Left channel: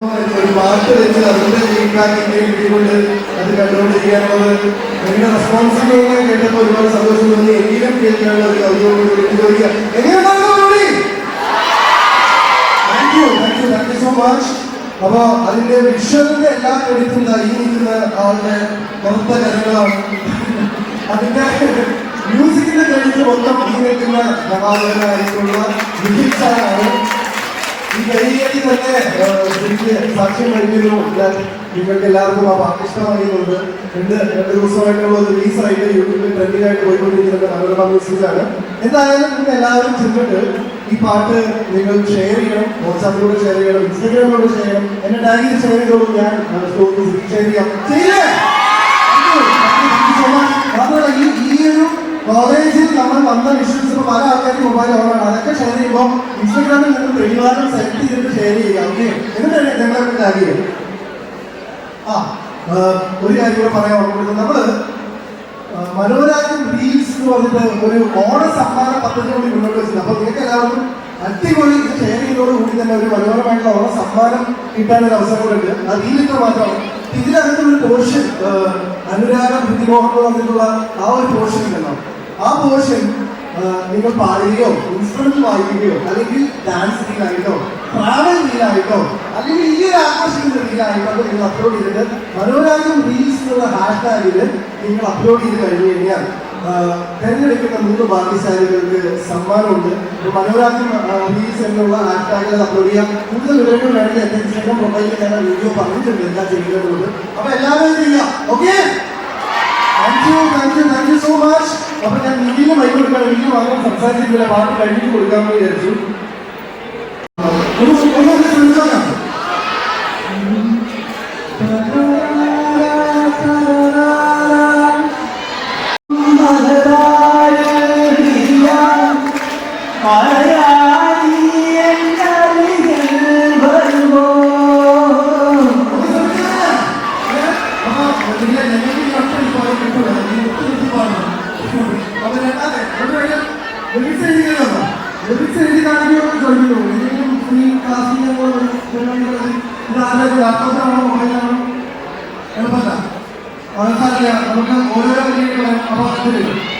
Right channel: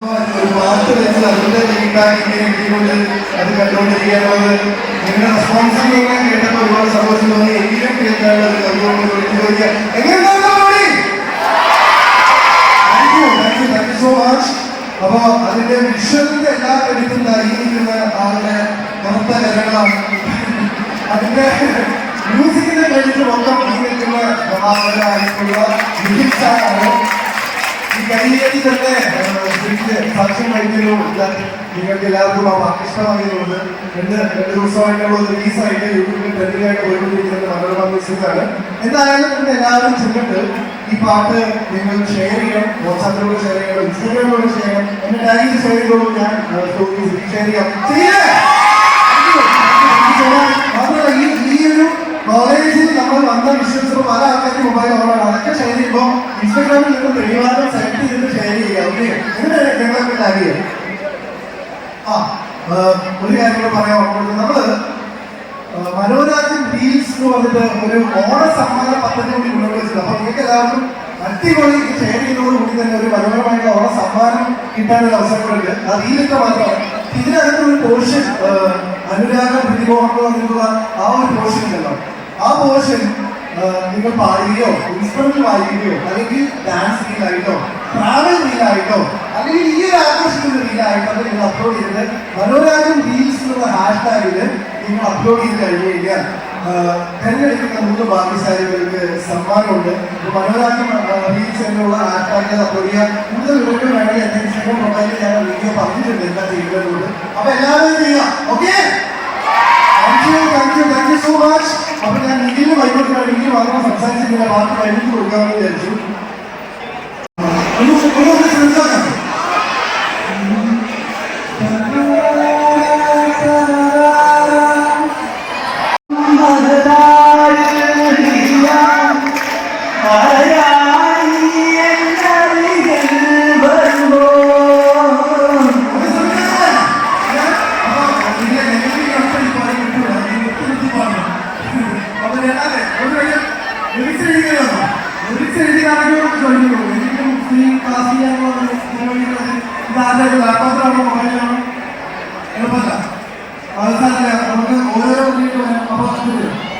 ഒരു പാട്ട് വെച്ച് അതിന്റെ ഫീഡ്ബാക്ക് ഇങ്ങനെ കിട്ടിക്കൊണ്ട് അത് കണ്ടുകൊണ്ടിരിക്കാനുള്ളത് എന്റെ റെസ്പോൺസിബിലിറ്റി കേട്ടപ്പോൾ ഒരുപാട് സന്തോഷം തോന്നി. എങ്കിലും കേൾക്കാനുള്ള ഒരു അതുകൊണ്ട് ചോദിക്കാം എങ്ങനെ സോ മച്ച് അപ്പൊ അതിന്റെ വിഷ്വലിന്റെ എല്ലാ ക്രെഡിറ്റും ഈ നിൽക്കുന്ന ആളുടെ പുറത്തെ കരങ്ങളാണ് അതിന്റെ മ്യൂസിക്കിന്റെ ക്രെഡിറ്റ് മൊത്തം ഈ നിൽക്കുന്ന മഹാനഗരായിട്ടുള്ള മികച്ചാണ് ഈ കൈയേറ്റി തന്നെ ശരിക്ക് സാക്ഷ്യം വഹിക്കുന്നു ഞാൻ നിങ്ങൾക്ക് എല്ലാവർക്കും ആ പാട്ട് ഇഷ്ടമായതുകൊണ്ട് രണ്ട് രണ്ട് ദിവസമായിട്ടുള്ള റിലീസായിട്ട് യൂട്യൂബിൽ ട്രെൻഡിലായിട്ട് പോയിക്കൊണ്ടിരിക്കുന്നത് പോയിക്കൊണ്ടിരിക്കുന്ന മനോരമ മ്യൂസിക്കാണ് എന്തായാലും നിങ്ങൾ എല്ലാവരും ചെന്നിട്ട് ഈ പാട്ട് നിങ്ങൾ ഷെയർ ചെയ്യണം വാട്സാപ്പിലൂടെ ഷെയർ ചെയ്യണം ഇൻസ്റ്റാഗ്രാമിലൂടെ ഷെയർ ചെയ്യണം എന്റെ ഡയറി ഷെയർ ചെയ്തോളൂ ഞാൻ ഷെയർ ചെയ്യാം മാത്രമല്ല നമ്മൾ വന്ന വിഷ്വൽസ് പല ആൾക്കാർക്ക് ഓണാണ് അതൊക്കെ ഷെയർ ചെയ്യുമ്പോൾ ഇൻസ്റ്റാഗ്രാമിൽ നിങ്ങൾ പ്രതിവാദം നിങ്ങളെ ആ ആ, ഒരു കാര്യം കൂടെ പറയാൻ ഓർമ്മയുള്ളത് നമ്മൾ ആ, മനോരാജ്യം റീൽസ് എന്ന് പറഞ്ഞിട്ട് ഒരു ഓണ സമ്മാന പദ്ധതി കൂടി ഉള്ളത് അപ്പൊ നിങ്ങൾക്ക് എല്ലാവരും അടിപൊളി ഇത് കൂടി തന്നെ ഒരു മനോഹരമായിട്ടുള്ള ഓണ സമ്മാനം കിട്ടാനൊരു അവസരം കൂടെ അത് റീലൊക്കെ മാത്രമാണ് ഇതിനകത്ത് ഒരു പോർഷൻ അനുരാഗ പ്രതിമോഹം ആ ഒരു പോർഷൻ ഉണ്ടല്ലോ. ആ പോർഷൻ നിങ്ങൾ പാടുകയോ ഇൻസ്ട്രുമെന്റ് വായിക്കുകയോ അല്ലെങ്കിൽ ഡാൻസ് റീലായിട്ടോ ട്രാവൽ റീലായിട്ടോ അല്ലെങ്കിൽ ഈ ഒരു ആഘോഷിക്കുന്ന റീലായിട്ടോ അത് നിങ്ങൾ അപ്ലോഡ് ചെയ്തിട്ട് മനോരാജൻ റീൽസ് എന്നുള്ള ഹാഷ്ടാഗിൽ നിങ്ങൾ അപ്ലോഡ് ചെയ്ത് കഴിഞ്ഞു കഴിഞ്ഞാൽ തെരഞ്ഞെടുക്കുന്ന മൂന്ന് ബാക്കി ഭാഗ്യശാലികൾക്ക് സമ്മാനമുണ്ട്. മനോരാജൻ റീൽസ് എന്നുള്ള ഹാഷ്ടാഗിൽ അപ്ലോഡ് ചെയ്യാൻ കൂടുതൽ വിവരങ്ങൾ വേണമെങ്കിൽ എന്റെ ഇൻസ്റ്റാഗ്രാം പ്രൊഫൈലിൽ ഞങ്ങൾ വീഡിയോ പറഞ്ഞിട്ടുണ്ട് എന്താ ചെയ്യുന്നതുകൊണ്ട് അപ്പൊ എല്ലാവരും ചെയ്യാം ഓക്കെ താങ്ക് സോ മച്ച് അപ്പൊ ഞാൻ നിഖിലും വൈകുന്നേരം നിഖിലും മാത്രം സംസാരിച്ചിട്ടില്ല ബാക്കി കഴിഞ്ഞിട്ട് കൊടുക്കാമെന്ന് വിചാരിച്ചു. ഒരു- ഒരു ഒരു ചിന്തയാണ്. ഒരു സംസാരം. അപ്പൊ ഇതിലെ നെഗറ്റീവ് കണ്ടന്റ് ഇപ്പോൾ കിട്ടുമോ? ഇത് ഒത്തിരി പാടാം. അപ്പൊ രണ്ടാമത്തെ, ഒരു lyrics എഴുതിയതാണോ? lyrics എഴുതിയതാണെങ്കിൽ നമുക്ക് ചോദിക്കൂ. എന്തെങ്കിലും free class ചെയ്യാനുള്ള ഒരു പരിപാടികൾ ഇത് ആരുടെ ഒരു laptop ആണോ, mobile ആണോ? എളുപ്പമല്ല. അത് നമുക്ക് ഓരോ രീതിയിൽ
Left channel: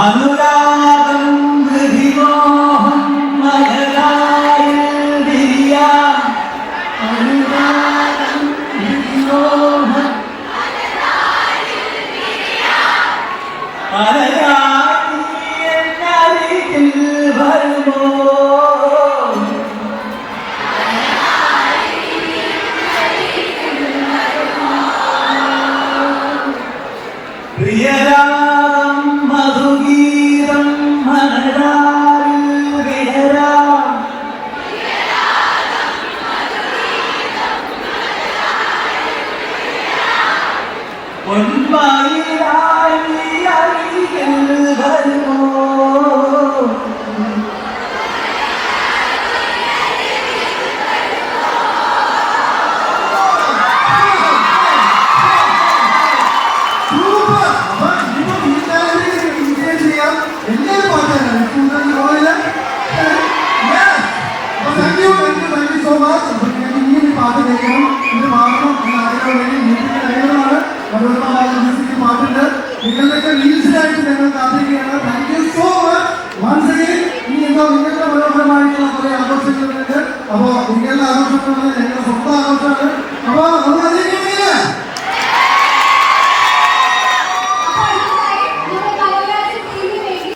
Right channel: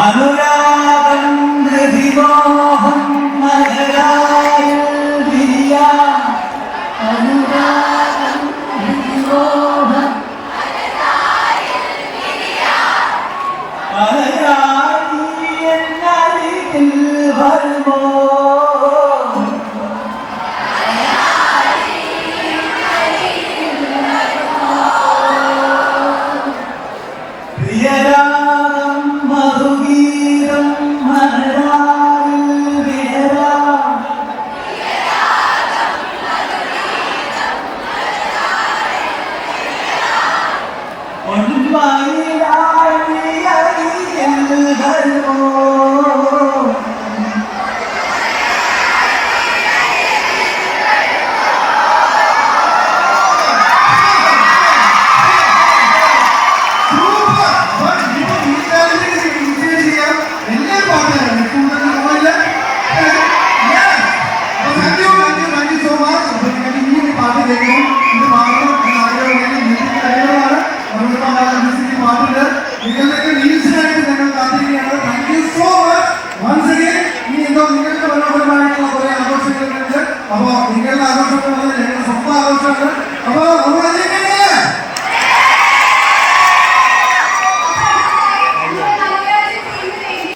அனுராதம் ഇത് മാത്രം ഈ കാര്യങ്ങളാണ് മനോരമ മ്യൂസിക് പാട്ടിട്ട് നിങ്ങളുടെയൊക്കെ വീഴ്ചയായിട്ട്